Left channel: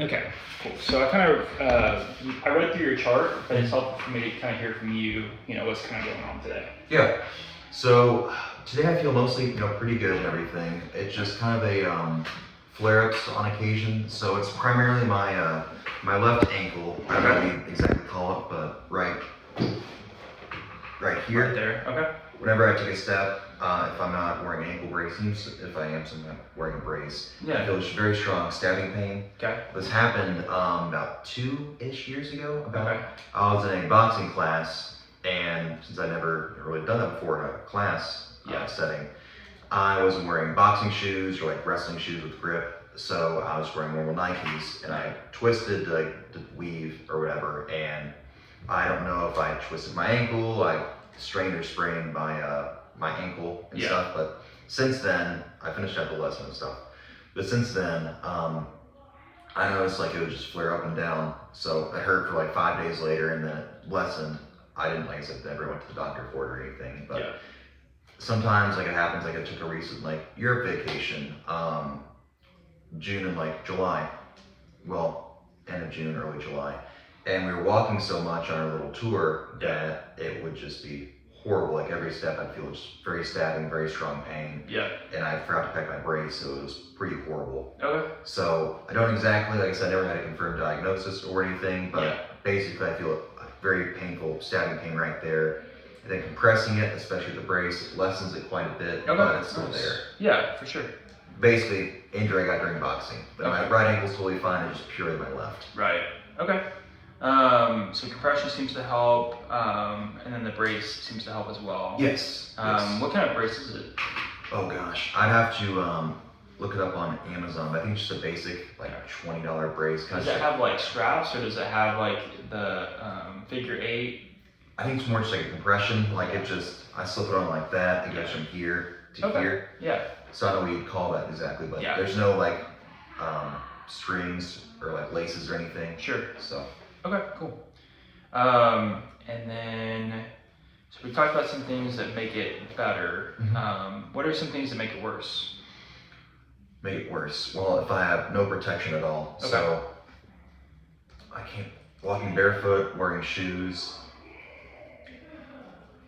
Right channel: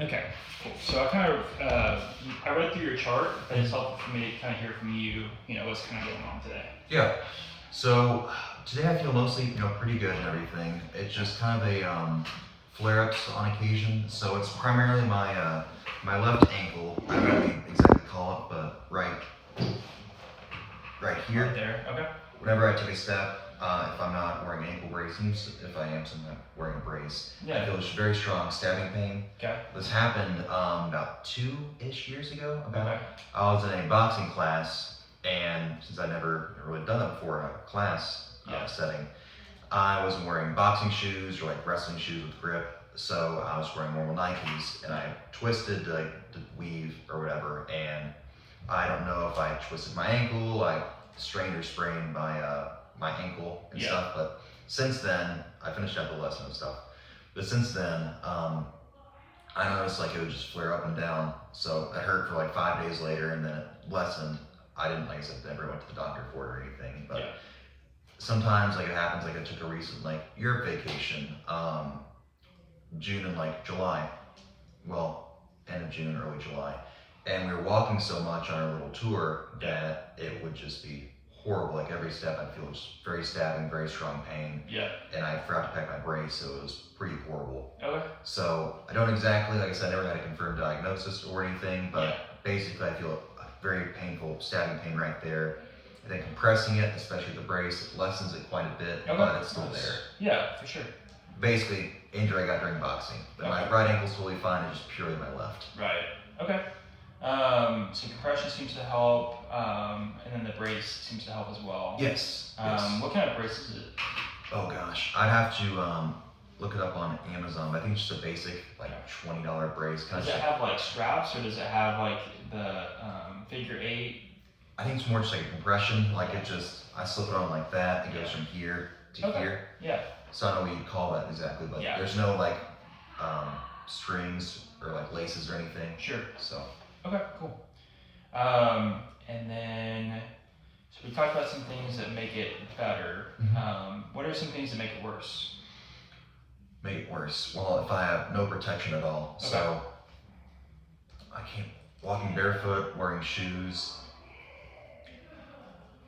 Okay, cool. So I read through your chart, but it's helpful for me to kind of hear from you, what's kind of going on today. Yeah. So today I feel mostly, pretty good and everything. It's just kind of a flare-ups on occasion. So it's primarily my my left ankle. I don't know what you exactly call it, but right here. Right there. Okay. Whenever I take a step, if I'm not wearing ankle braces, if I am, so I'm not wearing a brace. Yeah. I feel just very strong stabbing pain. Okay. This happened about 2-ish years ago. Okay. I was in a boxing class, and since I never really done that before in a class setting, I wasn't wearing boxing shoes or like wrestling shoes with grip. So I was wearing normal Nikes, and I twisted to weave or whatever, and I don't know if I twisted my ankle, I strained or sprained my ankle and stuff. But since then, I finished up the lesson and stuff. But since then, I noticed like it would just flare up and down. So it hurt for like 5 days later, and then it lessened. I didn't, like I said, never went to the doctor for it or anything. But sometimes like it happens. Like I took a recent Europe vacation, June and July. Well, end of June, early July. And we were walking so much on our little tour that it would just be horrible. Like every step I'd feel just very stabbing, very strong pain. Yeah. And I forgot to pack my brace, so it was pretty horrible. Okay. So I don't exactly, like I said, I never had a confirmed diagnosis or anything, but basically I feel a very painful stabbing pain right there. And then compressing it, especially the brace, lessens it quite a bit, but it's still there. Yeah, for sure. Basically, injury I got during boxing. But my right ankle's totally fine, it's just purely my left. Right. Okay. So compression seems to help, and then the brace seems to help as well. Yes. What kind of brace is it? Oh gosh, I'd have to look it up on Amazon. I think it's just a basic $20 brace. Does it have straps, or does it have the figure 8? I think it's more just like a compression. I slip it on like that. It goes from here to here. Yeah. So I don't know what you'd call that exactly, but there's no strings or laces or anything. Sure. So. Okay, cool. And then, so we talked about some things that make it better. What are some things that make it worse? Make it worse? Well, if I have no protection at all. Okay. So I can't, walking barefoot, wearing shoes,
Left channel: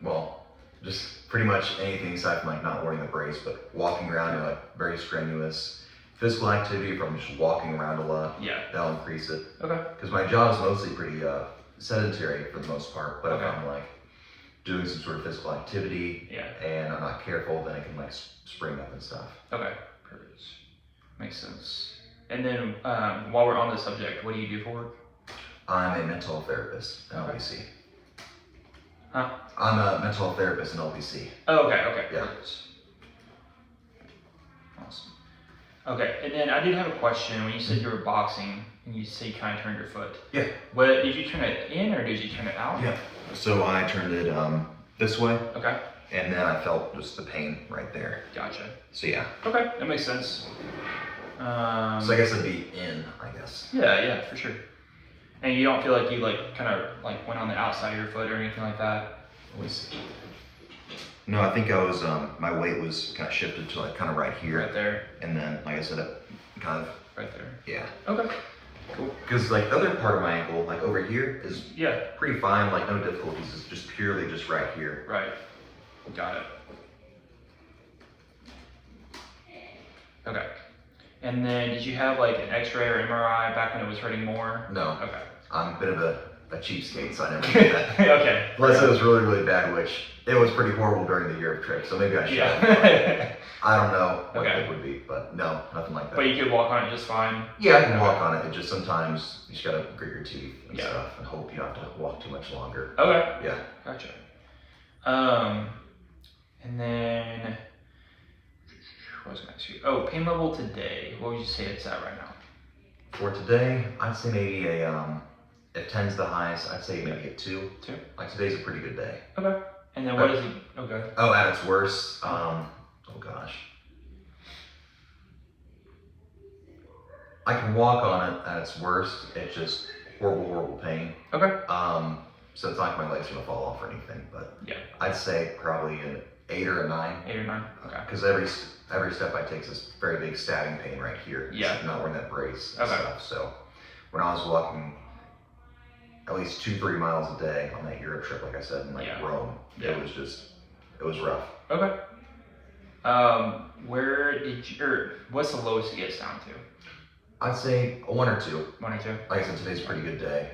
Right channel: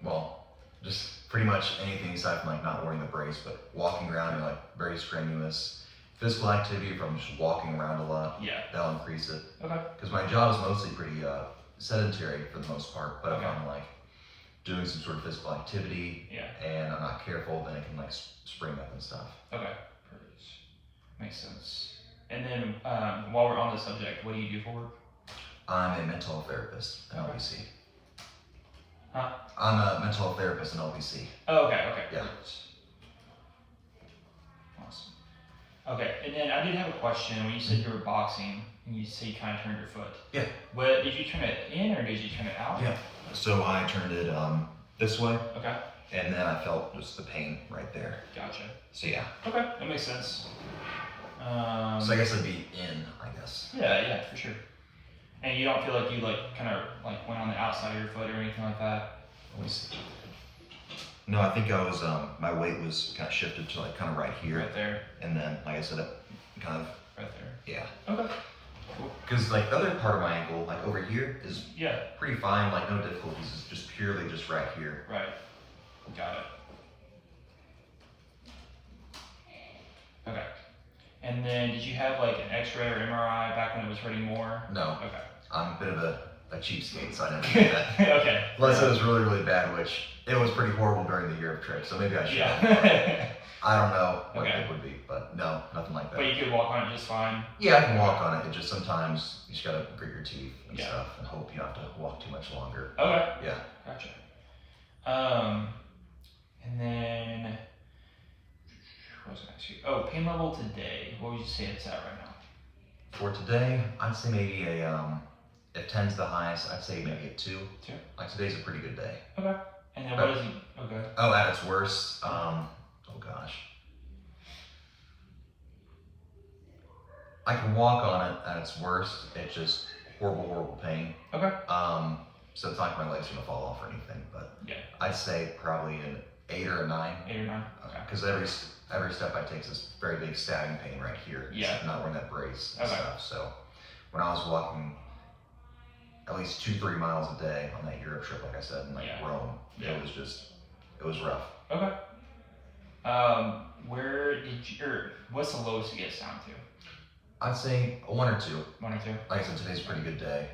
well, just pretty much anything aside from not wearing the brace, but walking around in very strenuous physical activity. If I'm just walking around a lot, that'll increase it. Okay. Because my job is mostly pretty sedentary for the most part, but if I'm doing some sort of physical activity and I'm not careful, then it can spring up and stuff. Okay, perfect. Makes sense. And then while we're on the subject, what do you do for work? I'm a mental health therapist at LPC. Huh? I'm a mental health therapist in LPC. Oh, okay. Yeah. Perfect. Awesome. Okay, and then I did have a question. When you said you were boxing, and you said you kind of turned your foot. Yeah. What, did you turn it in, or did you turn it out? Yeah. So I turned it this way. Okay. And then I felt just the pain right there. Gotcha. So yeah. Okay, that makes sense. So I guess it'd be in, I guess. Yeah, for sure. And you don't feel like you kind of went on the outside of your foot or anything like that? No, I think I was, my weight was kind of shifted to kind of right here. Right there. And then, like I said, it kind of. Right there. Yeah. Okay. Cool. Because the other part of my ankle, over here, is pretty fine, no difficulties. It's just purely just right here. Right. Got it. Okay. And then did you have an x-ray or MRI back when it was hurting more? No. Okay. I'm a bit of a cheapskate, so I never did that. Okay. Unless it was really, really bad, which it was pretty horrible during the Europe trip, so maybe I should. Yeah. I don't know what it would be, but no, nothing like that. But you could walk on it just fine? Yeah, I can walk on it. It just sometimes you just gotta grit your teeth and stuff and hope you don't have to walk too much longer. Okay. Yeah. Gotcha. And then, what was I going to ask you? Oh, pain level today. What would you say it's at right now? For today, I'd say maybe if 10's the highest, I'd say maybe a 2. 2? Today's a pretty good day. Okay. And then what is it? Okay. Oh, at its worst, oh gosh. I can walk on it at its worst. It's just horrible, horrible pain. Okay. So it's not like my legs are gonna fall off or anything, but I'd say probably an 8 or a 9. 8 or 9. Okay. Because every step I take is this very big stabbing pain right here. Yeah. So I'm not wearing that brace and stuff. So when I was walking at least 2-3 miles a day on that Europe trip, like I said, in like Rome. Yeah. It was rough. Okay. Where did you, or what's the lowest it gets down to? I'd say 1 or 2. 1 or 2? Like I said, today's a pretty good day.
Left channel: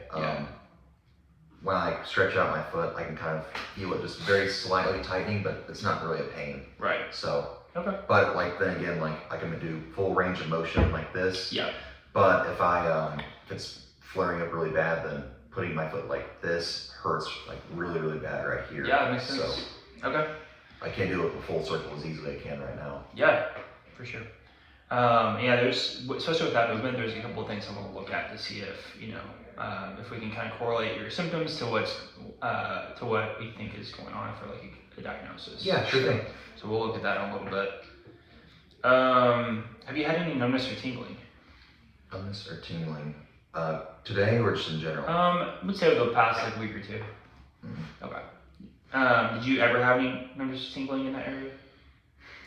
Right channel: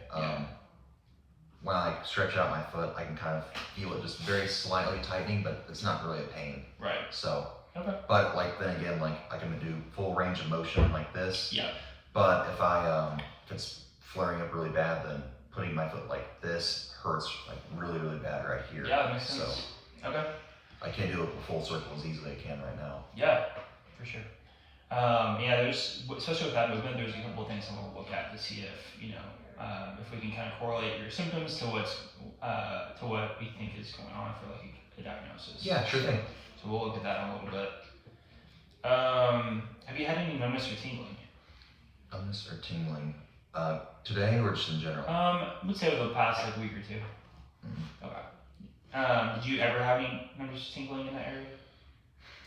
When I like stretch out my foot, I can kind of feel it just very slightly tightening, but it's not really a pain. Right. So, okay. But like then again, like I can do full range of motion like this. Yeah. But if if it's flaring up really bad, then putting my foot like this hurts like really bad right here. Yeah, that makes sense. So, okay. I can't do it the full circle as easily as I can right now. Yeah, for sure. Yeah, there's, especially with that movement, there's a couple of things I'm going to look at to see if, if we can kind of correlate your symptoms to what we think is going on for like a diagnosis. Yeah, sure thing. So we'll look at that in a little bit. Have you had any numbness or tingling? Numbness or tingling? Today or just in general? I would say over the past like week or 2. Mm-hmm. Okay. Did you ever have any numbness or tingling in that area?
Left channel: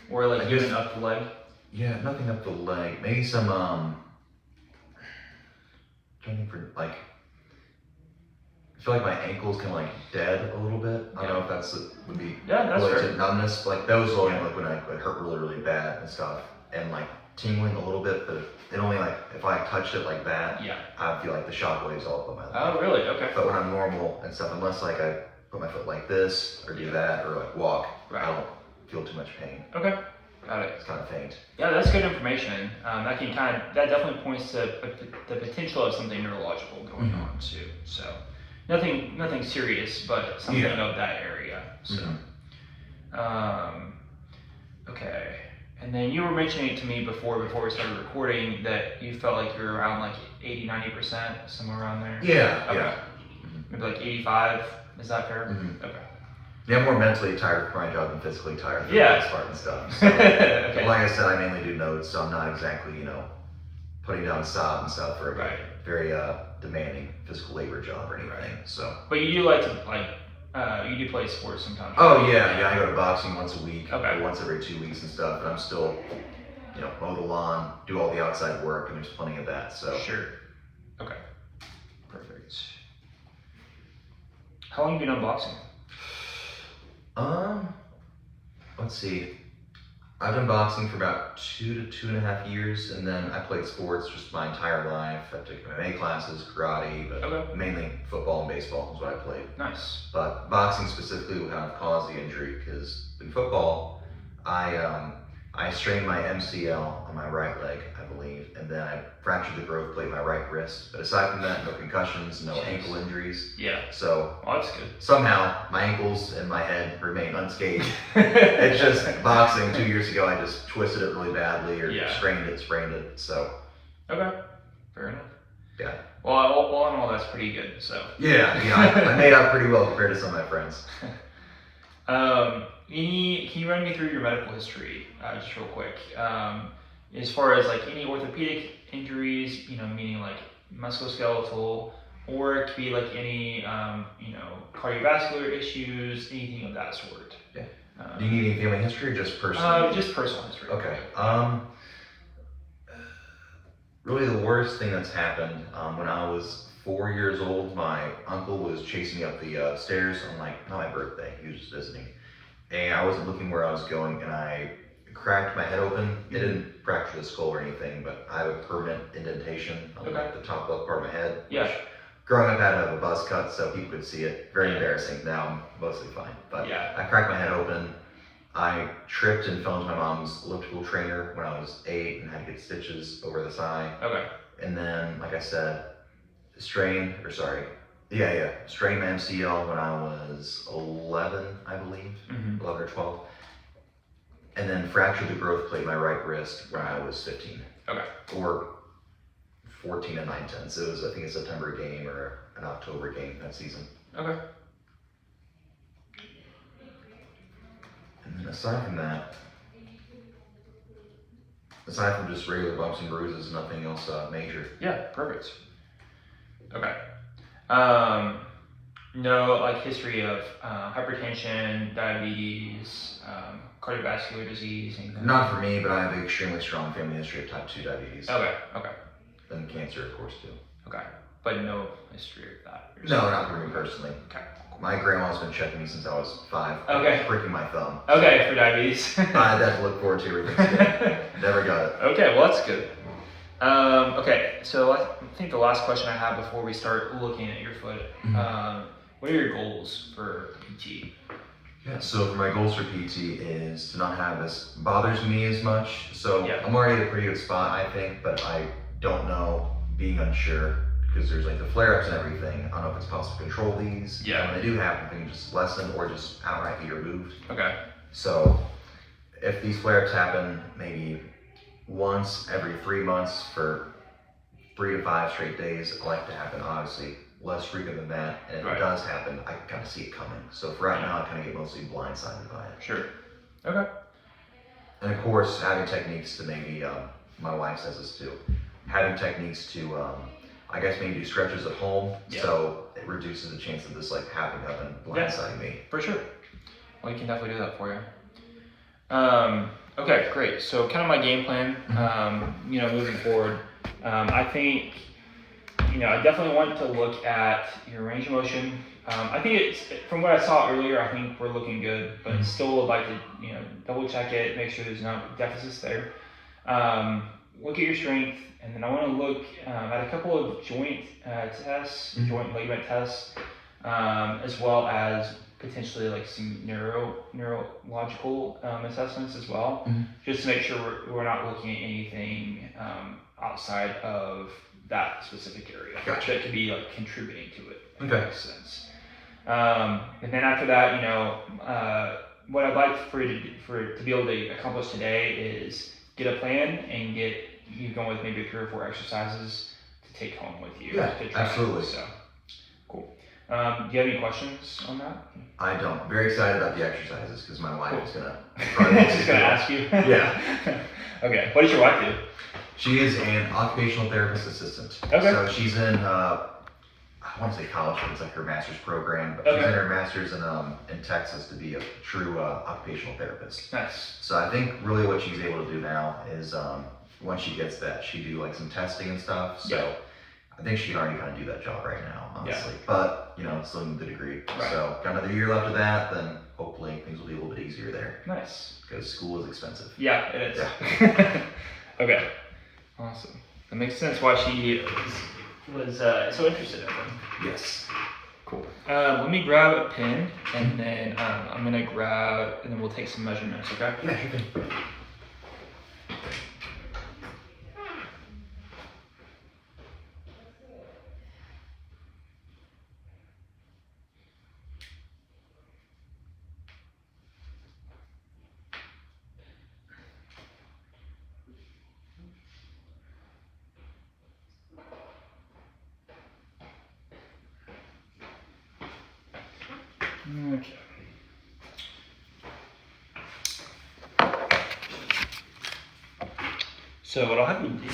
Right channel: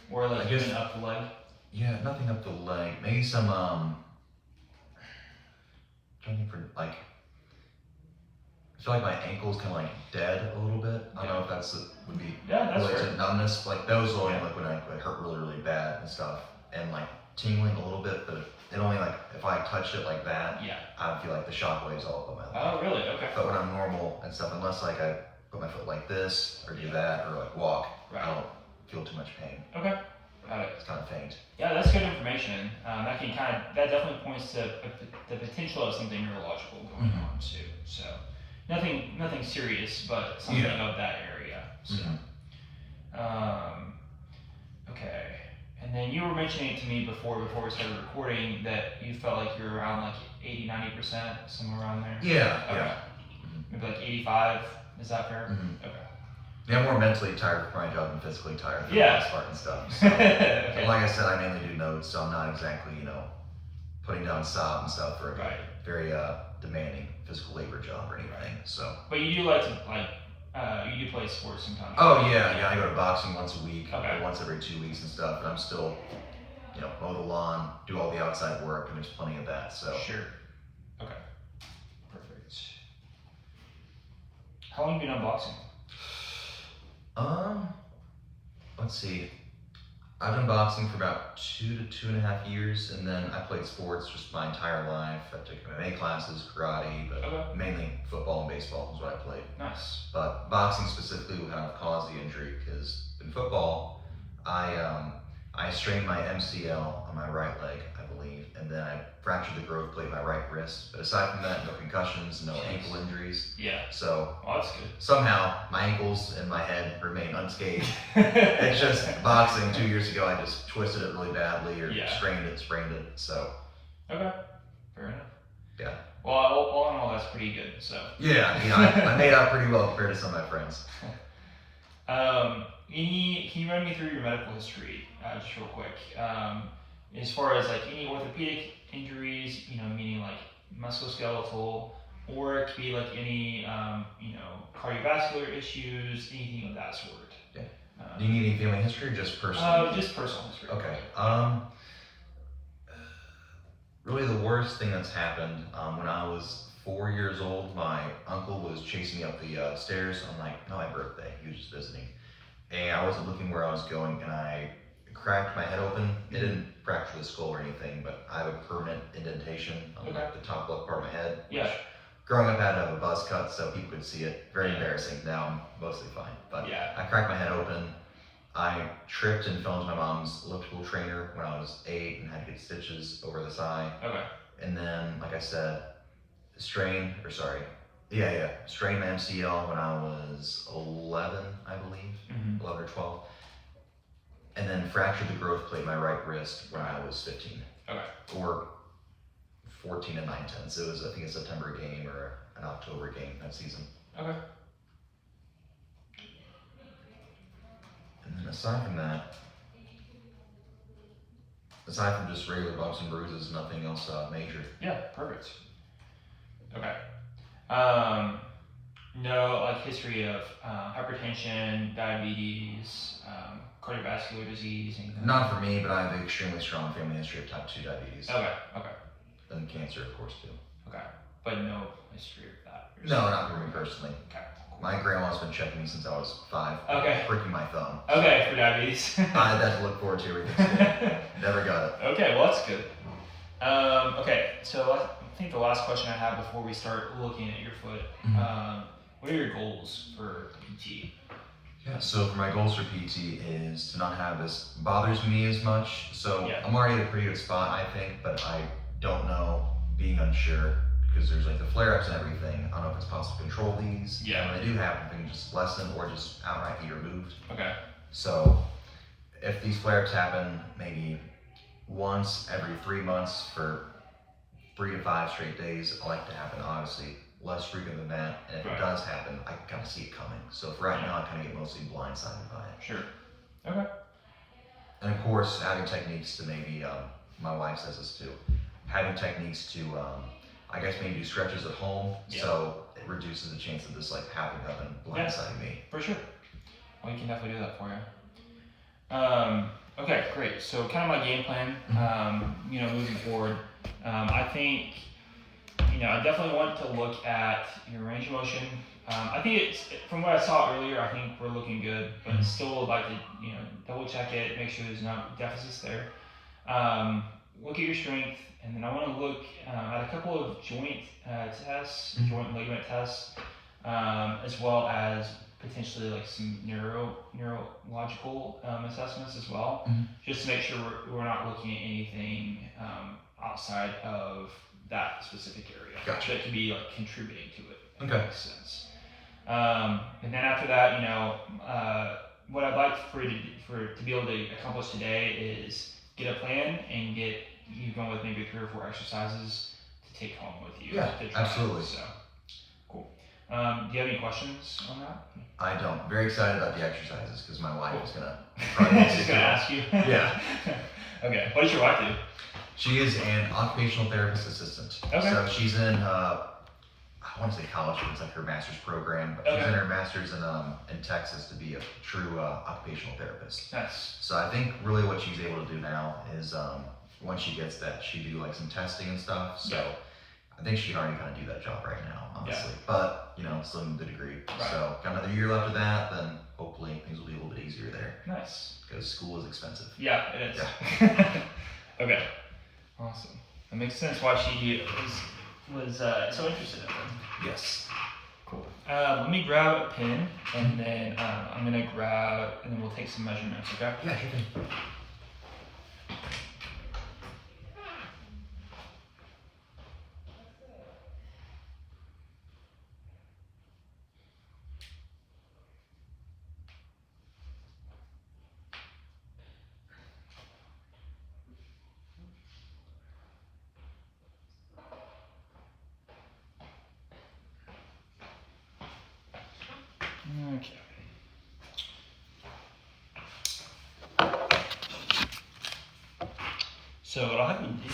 Or like even up the leg? Yeah, nothing up the leg. Maybe some trying for like I feel like my ankle's kind of like dead a little bit. I don't know if would be related to numbness. Like those only like when I hurt really bad and stuff, and like tingling a little bit, but it only like if I touched it like that, I feel like the shock waves all up on my leg. Oh, really? Okay. But when I'm normal and stuff, unless like I put my foot like this or do that or like walk, I don't feel too much pain. Okay. Got it. It's kind of faint. Yeah, that's good information. That definitely points to the potential of something neurological going on too. So nothing serious, but something of that area. So, okay. And then you were mentioning to me before we started recording that you felt like you were around like 80-90%, somewhere around there. Yeah. Okay. Yeah. Maybe like 85. Is that fair? Okay. Yeah, I'm more mentally tired for my job than physically tired for the most part and stuff. So, okay. Like I said, I mainly do notes, so I'm not exactly, putting down sob and stuff for a very demanding physical labor job or anything. So. But you do like to you do play sports sometimes. Oh yeah, I go to boxing once a week, or once every 2 weeks and stuff, and I'm still, mow the lawn, do all the outside work, and there's plenty of that. So. Sure. Okay. Perfect. How long have you been boxing? Let's see. I've been boxing for about 2 to 2.5 years, and then I played sports just my entire life. I took MMA classes, karate, but mainly football and baseball is what I played. Nice. But boxing specifically would kind of cause the injury because in football, I strained my MCL on my right leg, I believe, and then I fractured the growth plate in my right wrist. But aside from that, no concussions, no ankle injuries. Yeah. So that's good. Somehow my ankles and my head remain unscathed. It's just boxing 2 years ago, I just twisted it really badly or sprained it. So. Okay. Fair enough. Yeah. Well, all in all, that's pretty good. So. Yeah. I made out pretty well compared to some of my friends. Can you run me through your medical history, just real quick? As far as like any orthopedic injuries, meaning like musculoskeletal, or it could be like any, cardiovascular issues, anything of that sort. Yeah. Do you need any family history or just personal? Just personal history. Okay. Really the worst thing that's happened, when I was 4 years old, my uncle was chasing me up the stairs on not my birthday, he was just visiting. And I wasn't looking where I was going, and I cracked my head open. It didn't fracture the skull or anything, but I have a permanent indentation on the top left part of my head. Yeah. Growing up, I had to have a buzz cut so people could see it. Very embarrassing. Now I'm mostly fine. But I cracked my head open. I tripped and fell into my mom's elliptical trainer when I was 8 and had to get stitches over the side. Okay. And then, like I said, strained my MCL when I was 11, I believe, 11 or 12. And then fractured the growth plate in my right wrist when I was 15. Okay. Or 14 and 9/10. So it was, I think, a September game or an October game that season. Okay. And then aside from just regular bumps and bruises, nothing else major. Yeah, perfect. Okay. No, history of hypertension, diabetes, cardiovascular disease, anything? Not for me, but I have an extremely strong family history of type 2 diabetes. Okay. And cancer, of course, too. Okay, but no history of that. No, not for me personally. Okay. My grandma's been checking me since I was 5. Okay. Pricking my thumb. Okay, for diabetes. I had that to look forward to everything today. Never got it. Okay, well that's good. Okay, so I think the last question I have before we start looking at your foot, what are your goals for PT? Yeah, so for my goals for PT is to not have this bothers me as much. So Yeah. I'm already at a pretty good spot, I think, but I don't know, being unsure, because there's like the flare-ups and everything. I don't know if it's possible to control these. Yeah. And when they do happen, they can just lessen or just outright be removed. Okay. So if these flare-ups happen maybe once every 3 months for 3 to 5 straight days, I like to happen, obviously. Less frequent than that, and if Right. it does happen, I can kind of see it coming. So for right now, I kind of get mostly blindsided by it. Sure. Okay. And of course, having techniques to maybe, my wife says this too, having techniques to, I guess maybe do stretches at home, Yeah. so it reduces the chance of this like happening up and blindsiding me. For sure. Well, you can definitely do that for you. Okay, great. So kind of my game plan, moving forward, I think, I definitely want to look at your range of motion. I think it's, from what I saw earlier, I think we're looking good, but still would like to, double check it, make sure there's no deficits there. Look at your strength, and then I want to look at a couple of joint tests, joint ligament tests, as well as potentially like some neurological assessments as well, just to make sure we're not looking at anything outside of that specific area. Gotcha. That could be like contributing to it. If Okay. that makes sense. And then after that, what I'd like for to be able to accomplish today is get a plan and get you going with maybe 3 or 4 exercises to take home with you. Yeah, to try. absolutely. So, cool. Do you have any questions on that? I don't. Very excited about the exercises because my wife is gonna She's gonna ask you. Yeah. Okay. What does your wife do? She is an occupational therapist assistant. Okay. So she's in, I want to say college, but it's like her master's program, but she's in her master's in Texas to be a true occupational therapist. Nice. So I think really what she's able to do now is once she gets that, she do like some testing and stuff. So Yeah. I think she can already kind of do that job right now, honestly. Yeah. But still in the degree. Right. So got another year left of that, then hopefully things will be a little bit easier there. Nice. Because school is expensive. Yeah, it is. Yeah. Okay. Awesome. That makes sense why she was so interested in them. Yes. Cool. Let me grab a pen, and then I'm gonna grab, and then we'll take some measurements. Okay. Yeah, sure thing. Okay. So what I'll have you do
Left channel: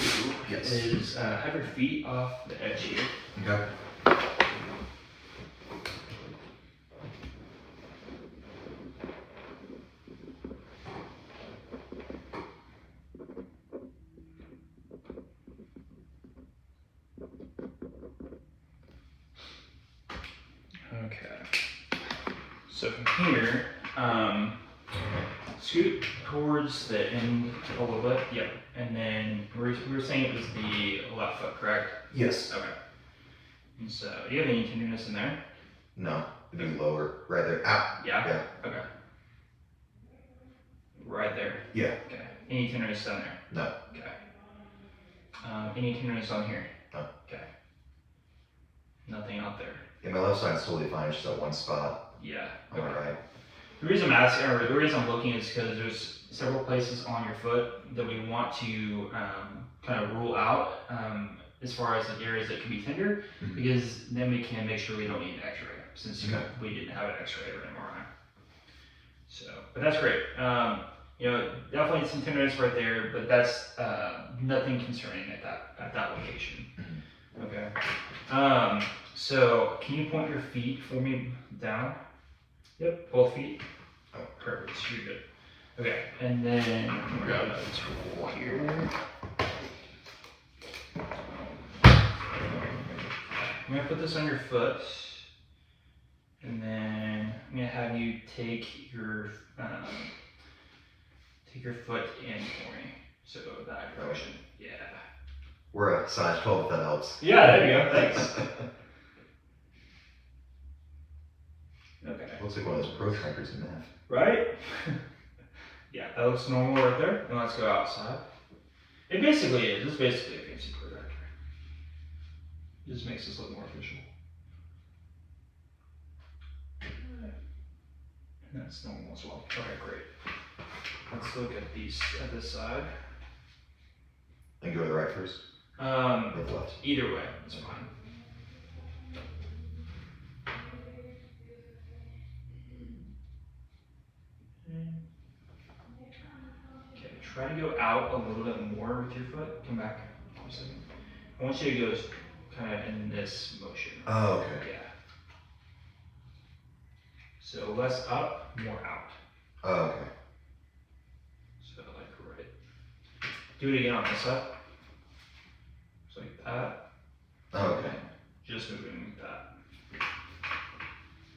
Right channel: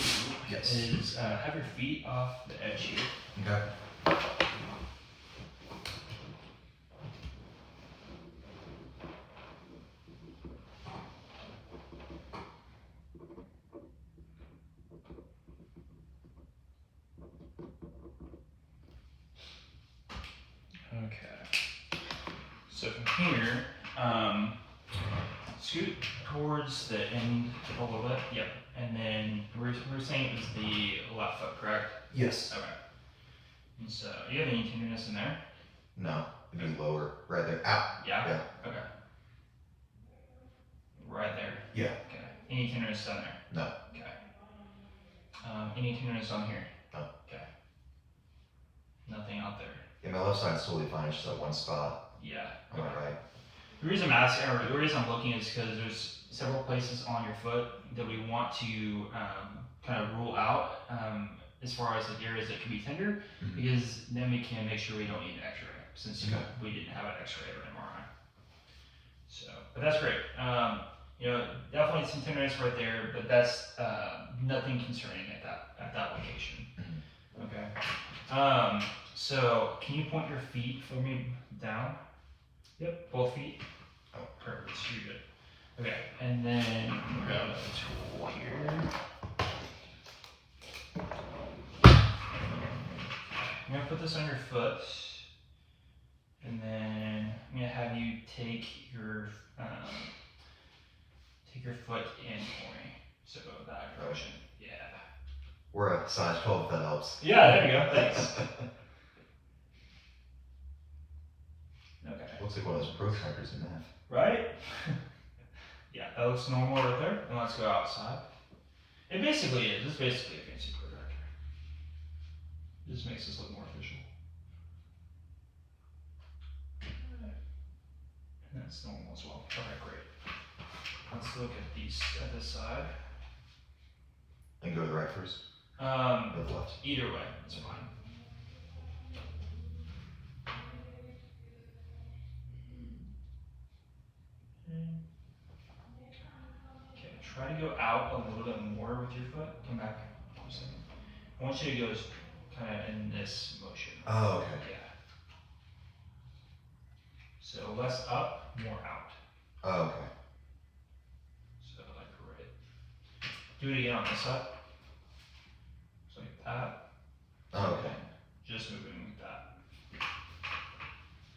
is have your feet off the edge here. Okay. Okay. So from here, scoot towards the end a little bit. Yep. And then we're saying it was the left foot, correct? Yes. Okay. And so, do you have any tenderness in there? No, it'd be lower, right there. Ow. Yeah? Yeah. Okay. Right there? Yeah. Okay. Any tenderness down there? No. Okay. Any tenderness on here? No. Okay. Nothing out there? Yeah, my left side's totally fine, it's just that one spot Yeah. on the right. The reason I'm asking, or the reason I'm looking is because there's several places on your foot that we want to kind of rule out as far as the areas that could be tender, because then we can make sure we don't need an x-ray, since we didn't have an x-ray or an MRI. So, but that's great. Definitely some tenderness right there, but that's nothing concerning at that location. Okay. So can you point your feet for me down? Yep, both feet. Oh, perfect. You're good. Okay, and then we'll grab another tool here. I'm gonna put this on your foot, and then I'm gonna have you take your foot in for me. So that direction. Yeah. We're a size 12 if that helps. Yeah, there you go. Thanks. Okay. Looks like one of those protractors in math. Right? Yeah, that looks normal right there. And let's go outside. It basically is. It's basically a fancy protractor. It just makes this look more official. And that's normal as well. Alright, great. Let's look at these at this side. And go to the right first? Or the left? Either way, it's fine. Okay, try to go out a little bit more with your foot. Come back for a second. I want you to go kind of in this motion. Oh, okay. Yeah. So less up, more out. Oh, okay. So like right. Do it again on this side. Just like that. Oh, okay. Just moving like that.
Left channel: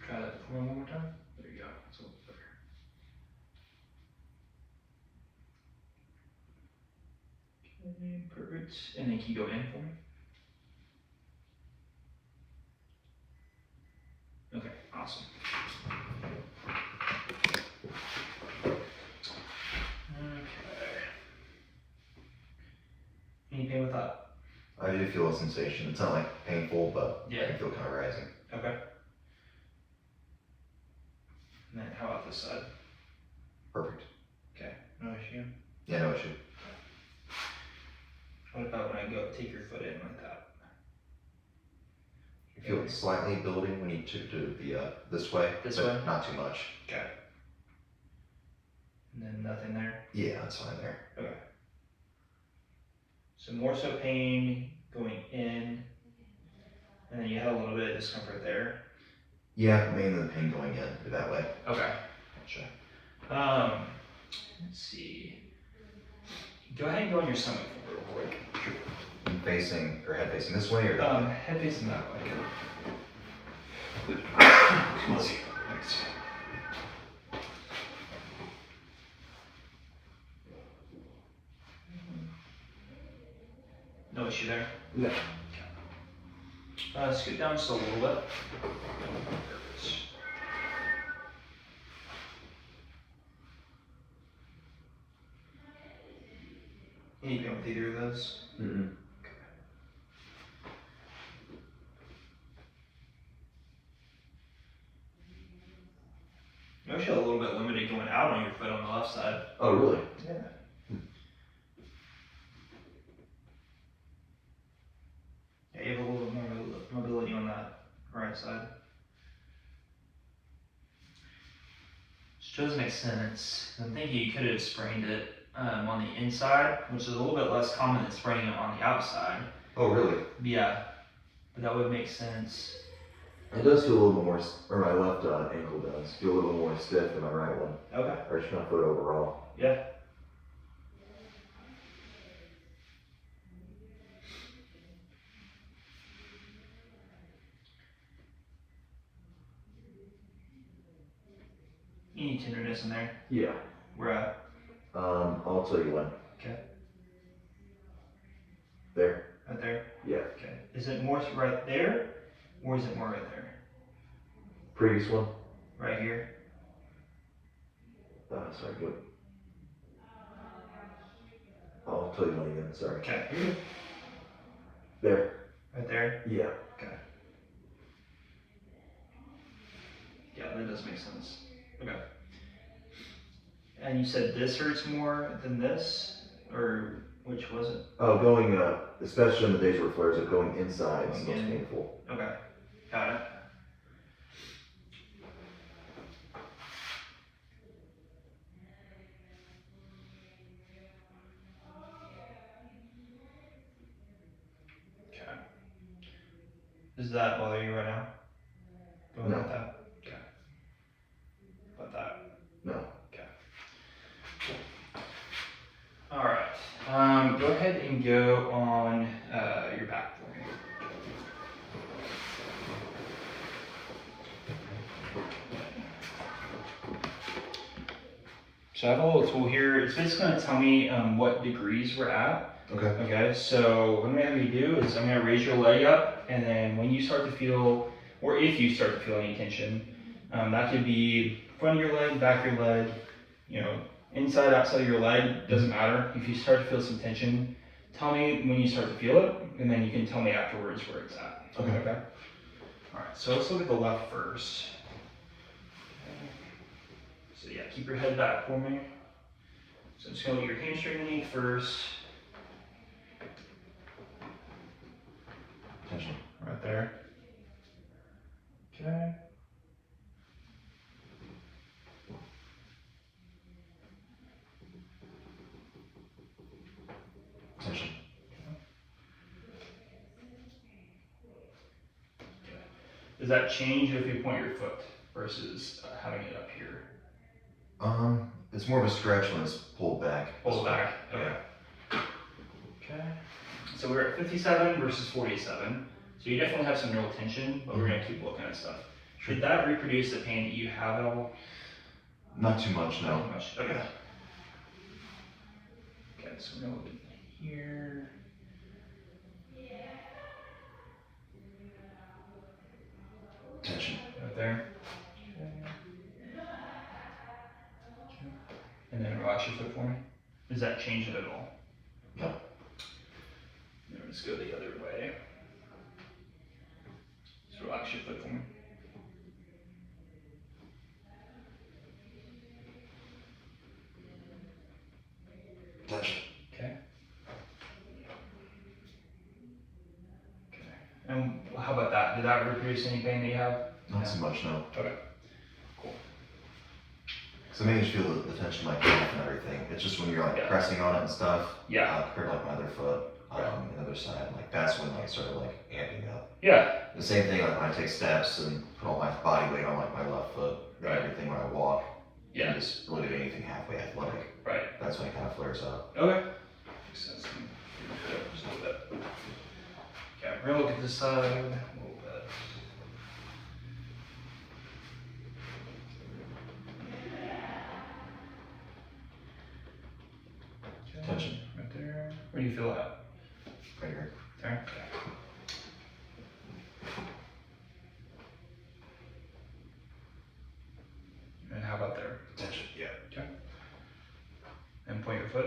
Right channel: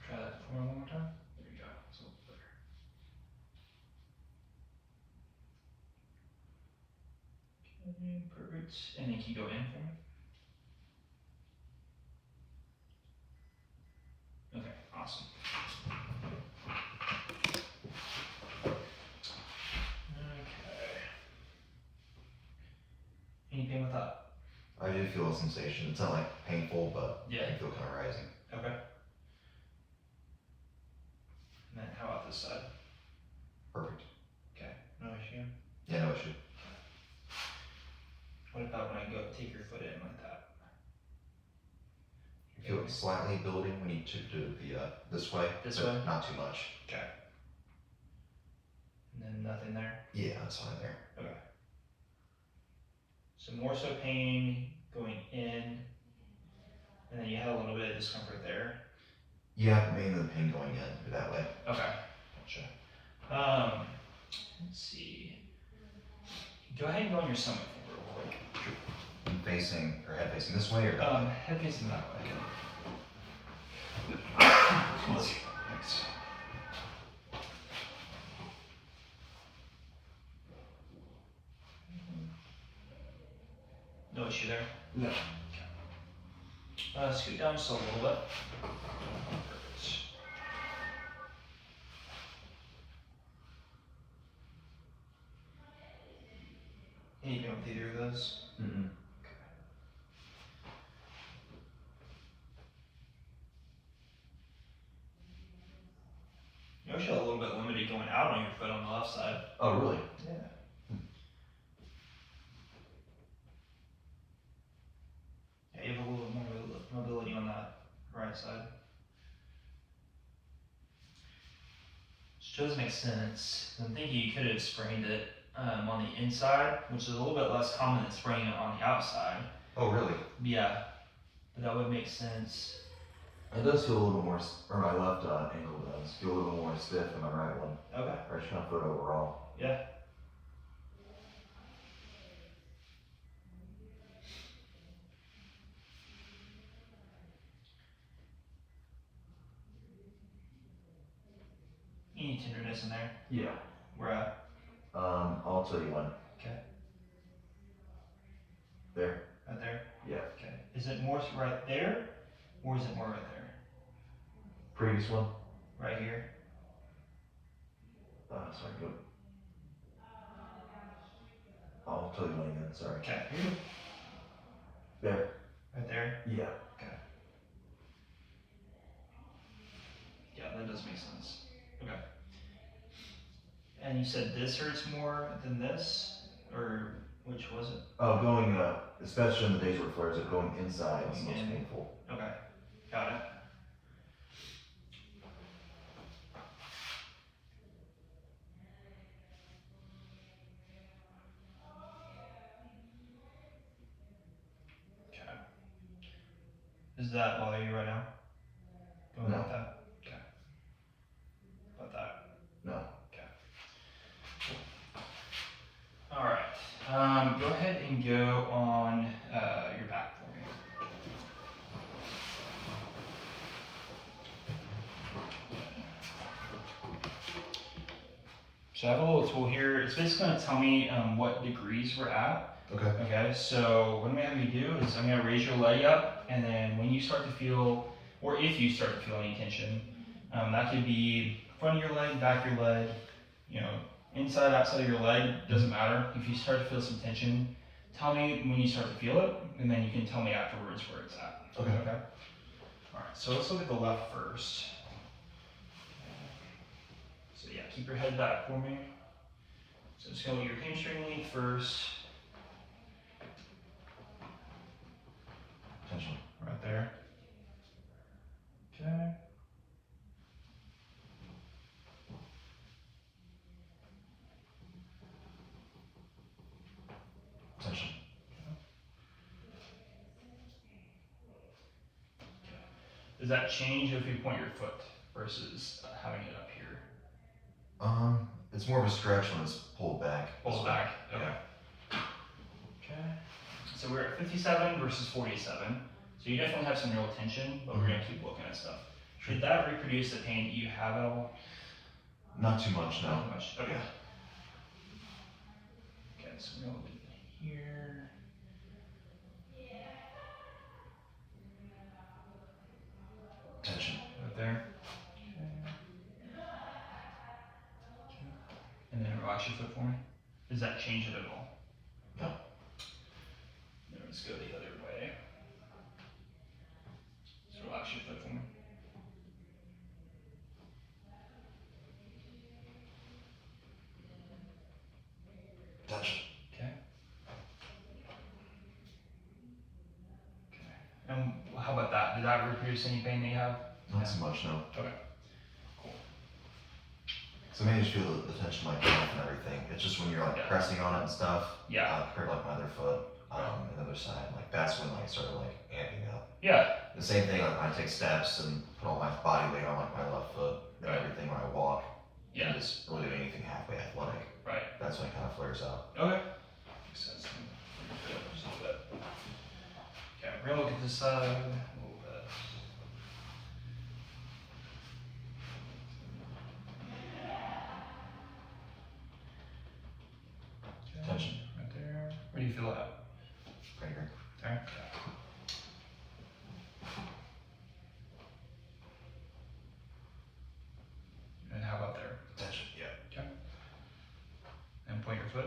Try that for one more time. There you go. It's a little better. Okay, perfect. And then can you go in for me? Okay, awesome. Okay. Any pain with that? I do feel a sensation. It's not like painful, but Yeah. I feel kind of rising. Okay. And then how about this side? Perfect. Okay, no issue. Yeah, no issue. What about when I go take your foot in like that? I feel it slightly building when you took to the this way. This but way? Not too much. Okay. And then nothing there? Yeah, that's fine there. Okay. So more so pain going in, and then you had a little bit of discomfort there. Yeah, mainly the pain going in that way. Okay, gotcha. Let's see. Go ahead and go on your stomach real quick. Facing or head facing this way or that way? Head facing that way. Let's see. Thanks. No issue there? No. Scoot down just a little bit. Any pain with either of those? Mm-mm. You're actually a little bit limited going out on your foot on the left side. Oh, really? Yeah. Yeah, you have a little bit more mobility on that right side. Which does make sense. I'm thinking you could have sprained it on the inside, which is a little bit less common than spraining it on the outside. Oh, really? Yeah, but that would make sense. It does feel a little bit more, or my left ankle does feel a little more stiff than my right one. Okay. Or just my foot overall. Yeah. Any tenderness in there? Yeah. Where at? I'll tell you when. Okay. There. Right there? Yeah. Okay. Is it more right there, or is it more right there? Previous one. Right here? Sorry, good. I'll tell you when again, sorry. Okay. There. Right there? Yeah. Okay. Yeah, that does make sense. Okay. And you said this hurts more than this? Or which was it? Oh, going, especially in the days where it flares up, going inside is the Going most in. painful. Okay. Got it. Okay. Does that bother you right now? Going No. like that? Okay. About that? No. Okay. Alright. Go ahead and go on your back for me. So I have a little tool here. It's basically going to tell me what degrees we're at. Okay. Okay, so what I'm going to have you do is I'm going to raise your leg up, and then when you start to feel, or if you start to feel any tension, that could be front of your leg, back of your leg, you know, inside, outside of your leg, doesn't matter. If you start to feel some tension, tell me when you start to feel it, and then you can tell me afterwards where it's at. Okay. Okay. All right, so let's look at the left first. So yeah, keep your head back for me. So I'm just gonna look at your hamstring length first. Tension. Right there. Okay. Tension. Does that change if you point your foot versus having it up here? It's more of a stretch when it's pulled back. Pull it back. Okay. Okay. So we're at 57 versus 47. So you definitely have some neural tension, but we're gonna keep looking at stuff. Should that reproduce the pain that you have at all? Not too much, no. Not too much. Okay. Okay, so we're gonna look at here. Tension. Right there. And then relax your foot for me. Does that change it at all? No. Then let's go the other way. Just relax your foot for me. Tension. Okay. Okay. And how about that? Did that reproduce any pain that you have? Not so much, no. Okay. Cool. Because I managed to feel the tension in my calf and everything. It's just when you're like Yeah. pressing on it and stuff. Yeah. Compared to like my other foot, the other side, like that's when like it started like amping up. Yeah. The same thing like when I take steps and put all my body weight on like my left foot and Right. everything when I walk. Yeah. And just really do anything halfway athletic. Right. That's when it kind of flares up. Okay. Makes sense. Just a little bit. Okay, we're gonna look at this side a little bit. Okay, Tension. right there. Where do you feel that? Right here. There. Okay. And how about there? Tension. Yeah. Okay. And point your foot.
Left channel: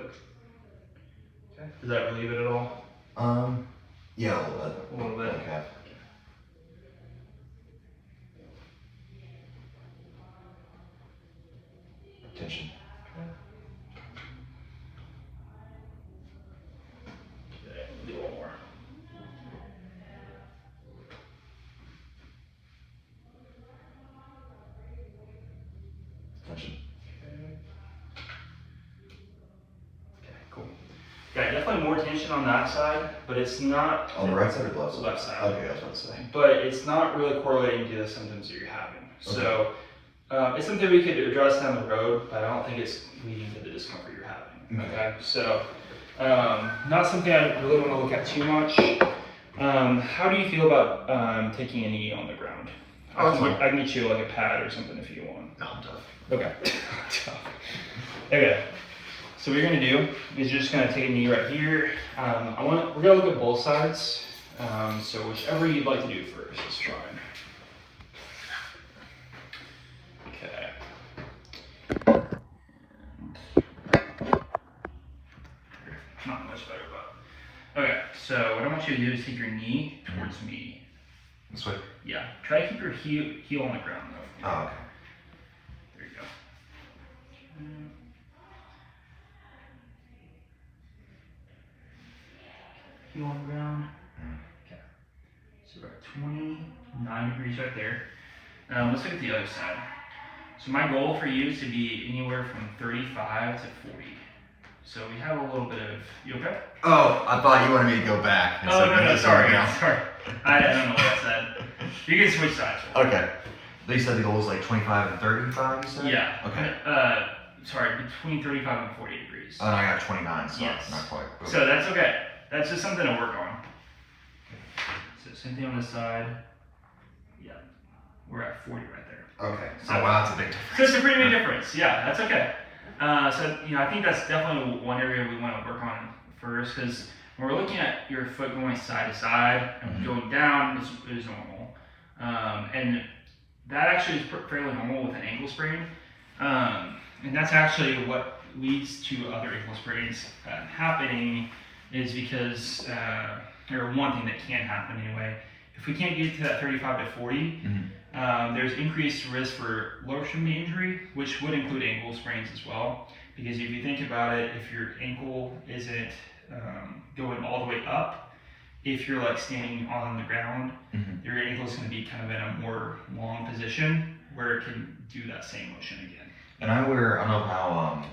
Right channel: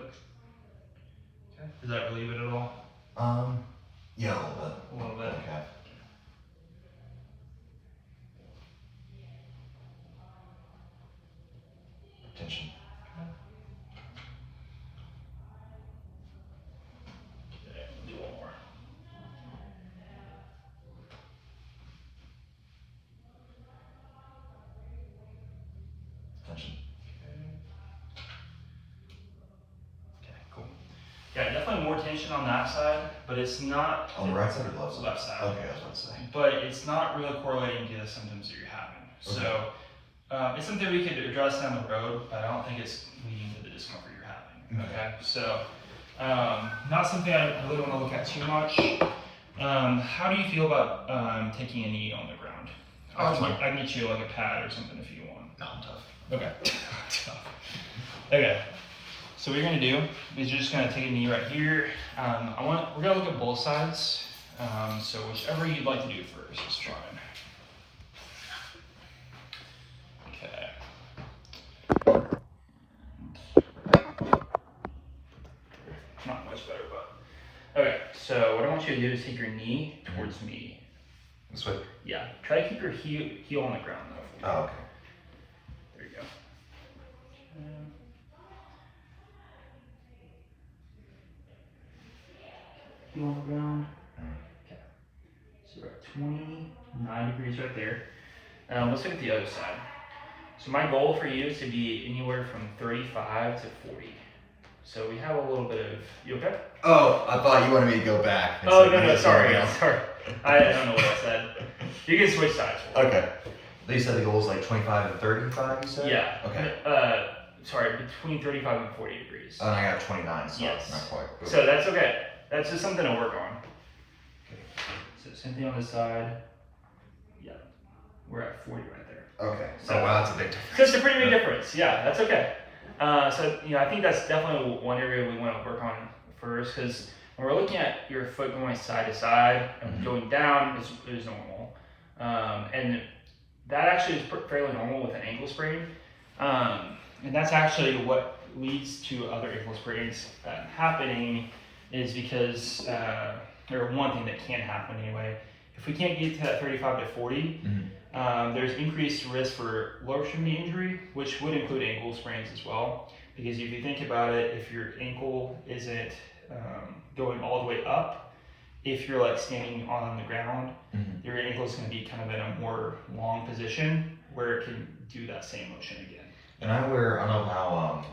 Okay. Does that relieve it at all? Yeah, a little bit. A little bit. On the calf. Tension. Okay, do one more. Tension. Okay, cool. Yeah, definitely more tension on that side, but it's not On the right side or the left side? Left side. Okay, I was about to say. but it's not really correlating to the symptoms that you're having. So it's something we could address down the road, but I don't think it's leading to the discomfort you're having. Okay, so not something I really want to look at too much. How do you feel about taking a knee on the ground? Oh, that's fine. I can get you like a pad or something if you want. No, I'm tough. Okay. Okay. So what you're gonna do is you're just gonna take a knee right here. We're gonna look at both sides. So whichever you'd like to do first is fine. Okay. Not much better, but okay. So what I want you to do is take your knee towards me. This way? Yeah. Try to keep your heel on the ground though. Oh, okay. There you go. Heel on the ground. Okay. So we're at 29 degrees right there. Let's look at the other side. So my goal for you is to be anywhere from 35 to 40. So we have a little bit of, you okay? Oh, I thought you wanted me to go back. Oh, no, sorry. I don't know what I said. You can switch sides. Okay. They said the goal was like 25 and 35, you said? Yeah. Okay. Sorry, between 35 and 40 degrees. And I got 29, so Yes. not quite. So that's okay. That's just something to work on. So same thing on this side. Yeah. We're at 40 right there. Okay. So- Oh, wow, that's a big difference. So it's a pretty big difference. Yeah, that's okay. So I think that's definitely one area we want to work on first, because when we're looking at your foot going side to side and going down is normal, and that actually is fairly normal with an ankle sprain, and that's actually what leads to other ankle sprains happening, is because or one thing that can happen anyway. If we can't get to that 35 to 40, there's increased risk for lower extremity injury, which would include ankle sprains as well. Because if you think about it, if your ankle isn't going all the way up, if you're like standing on the ground, your ankle is going to be kind of in a more long position where it can do that same motion again. And I don't know how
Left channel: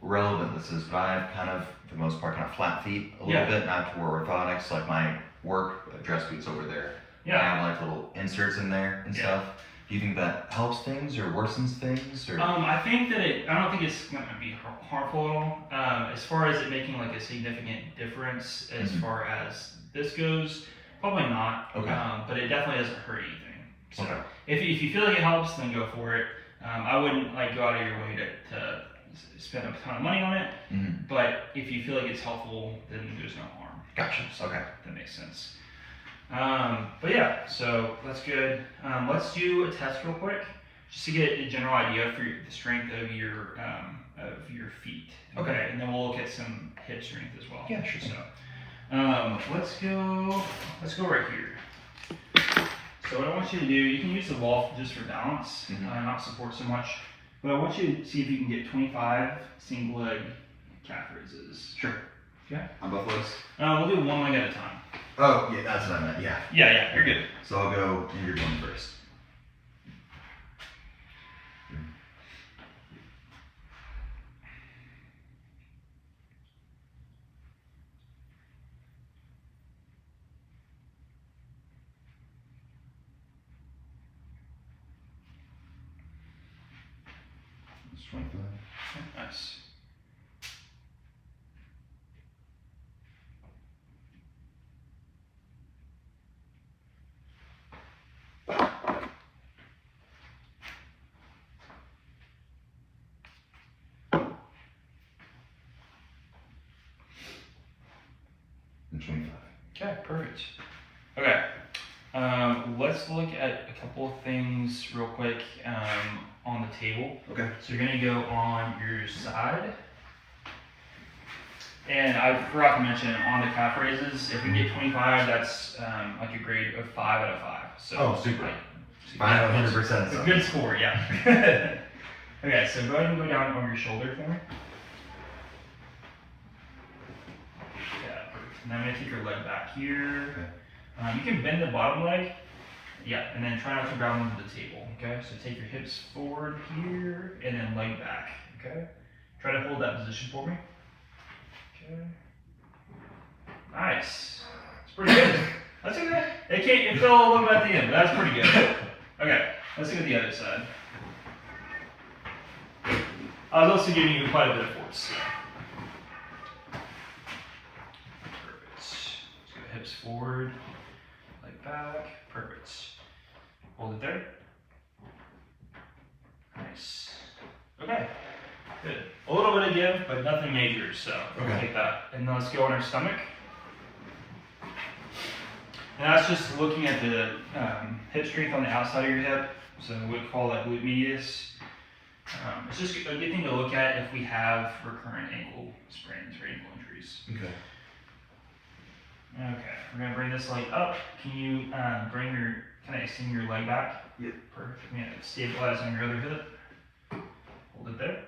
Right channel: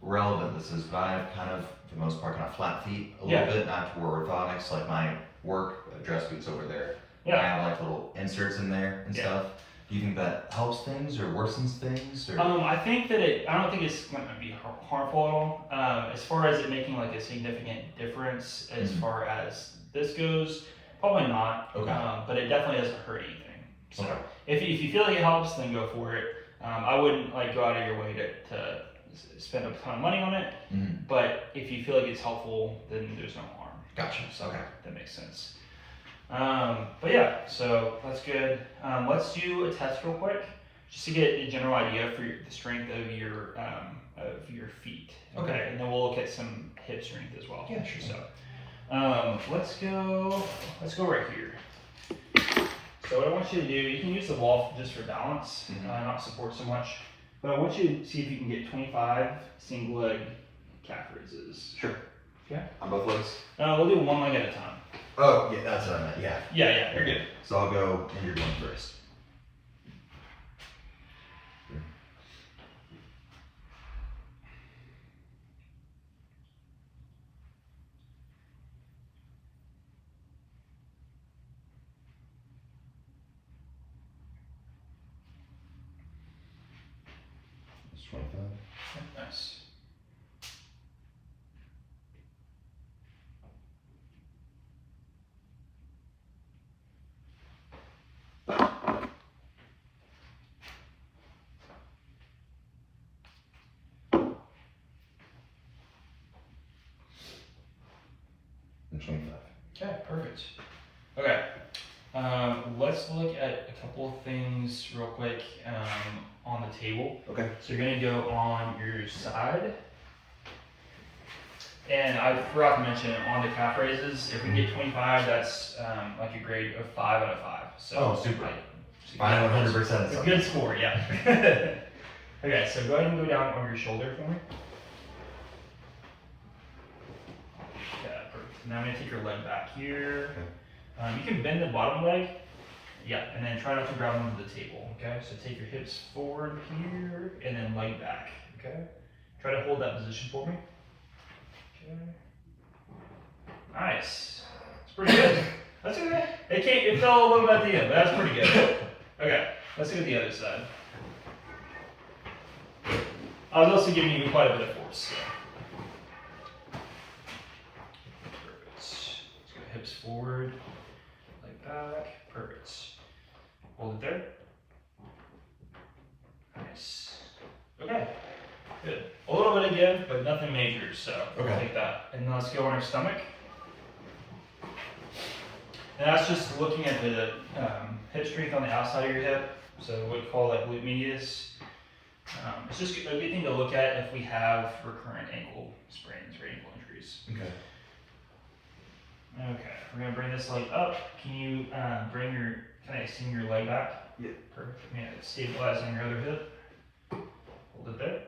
relevant this is, but I have kind of, for the most part, kind of flat feet a little bit, not to wear orthotics, like my work dress boots over there. I have like little inserts in there and stuff. Do you think that helps things or worsens things? Or? I think that I don't think it's going to be harmful at all. As far as it making like a significant difference as far as this goes, probably not. Okay. But it definitely doesn't hurt anything. So if you feel like it helps, then go for it. I wouldn't like go out of your way to spend a ton of money on it. But if you feel like it's helpful, then there's no harm. Gotcha. So that makes sense. But yeah, so that's good. Let's do a test real quick, just to get a general idea for the strength of your feet. Okay. And then we'll look at some hip strength as well. Yeah, sure. So, let's go right here. So what I want you to do, you can use the wall just for balance, not support so much. But I want you to see if you can get 25 single leg calf raises. Sure. Okay. On both legs? We'll do one leg at a time. Oh, yeah, that's what I meant, yeah. Yeah, you're good. So I'll go intervene first. That's 25. Nice. And 25. Okay, perfect. Okay, let's look at a couple of things real quick on the table. Okay. So you're gonna go on your side. And I forgot to mention on the calf raises, if we get 25, that's like a grade of 5 out of 5. So super. Like, 100%. it's a good score, yeah. Okay, so go ahead and go down over your shoulder for me. Yeah, perfect. Now I'm gonna take your leg back here. You can bend the bottom leg. Yeah, and then try not to grab onto the table, okay? So take your hips forward here, and then leg back, okay? Try to hold that position for me. Okay. Nice. It's pretty good. That's good. It fell a little bit at the end, but that's pretty good. Okay, let's do the other side. I was also giving you quite a bit of force. So. Perfect. Let's go hips forward, leg back. Perfect. Hold it there. Nice. Okay. Good. A little bit again, but nothing major, so we'll take that. And then let's go on our stomach. And that's just looking at the hip strength on the outside of your hip. So what we call that glute medius. It's just a good thing to look at if we have recurrent ankle sprains or ankle injuries. Okay. Okay, we're gonna bring this leg up. Can you kind of extend your leg back? Yeah. Perfect. Yeah, stabilize on your other hip. Hold it there.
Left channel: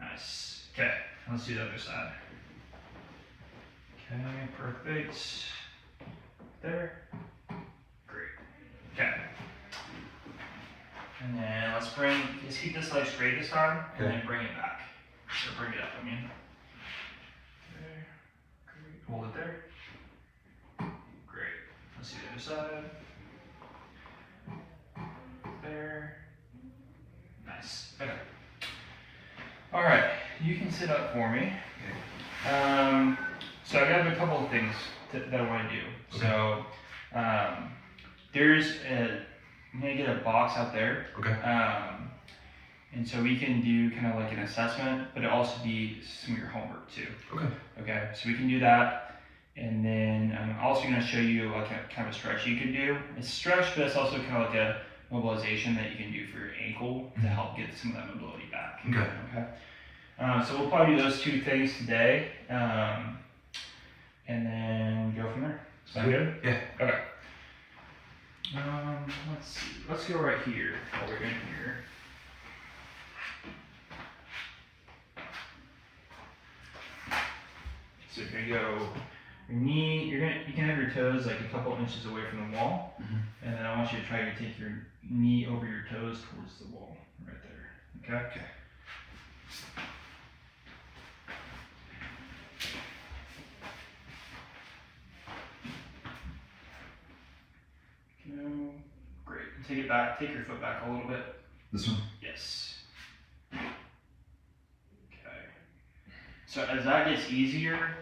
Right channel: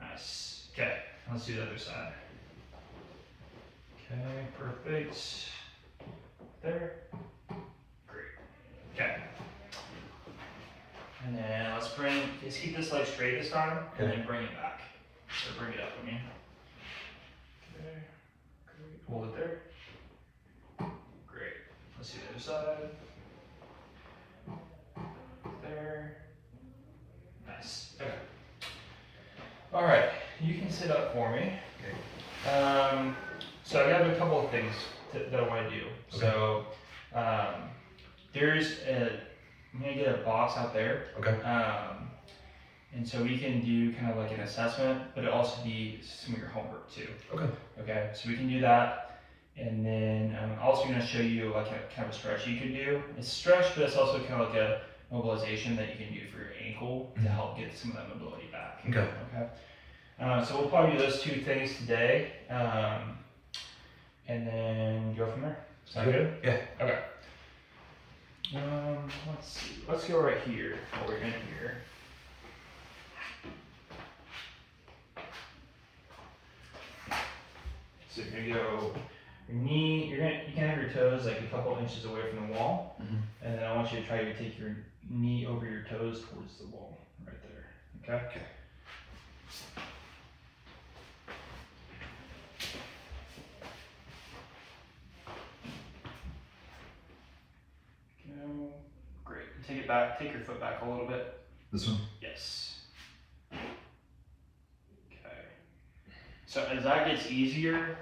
Nice. Okay, let's do the other side. Okay, perfect. There. Great. Okay. And then let's keep this leg straight this time, and then bring it back. So bring it up, I mean. There. Great. Hold it there. Great. Let's do the other side. There. Nice. Okay. All right. You can sit up for me. Okay. So I have a couple of things that I want to do. Okay. So I'm gonna get a box out there. Okay. And so we can do kind of like an assessment, but it also be some of your homework too. Okay. Okay, so we can do that. And then I'm also going to show you like a kind of a stretch you can do. It's stretch, but it's also kind of like a mobilization that you can do for your ankle to help get some of that mobility back. Okay. Okay. So we'll probably do those two things today, and then go from there. Sound good? Yeah. Okay. Let's see. Let's go right here. While we're in here. So you're gonna go your knee. You can have your toes like a couple inches away from the wall, and then I want you to try to take your knee over your toes towards the wall, right there. Okay. Okay. No. Great. Take it back. Take your foot back a little bit. This one? Yes. Okay. So as that gets easier,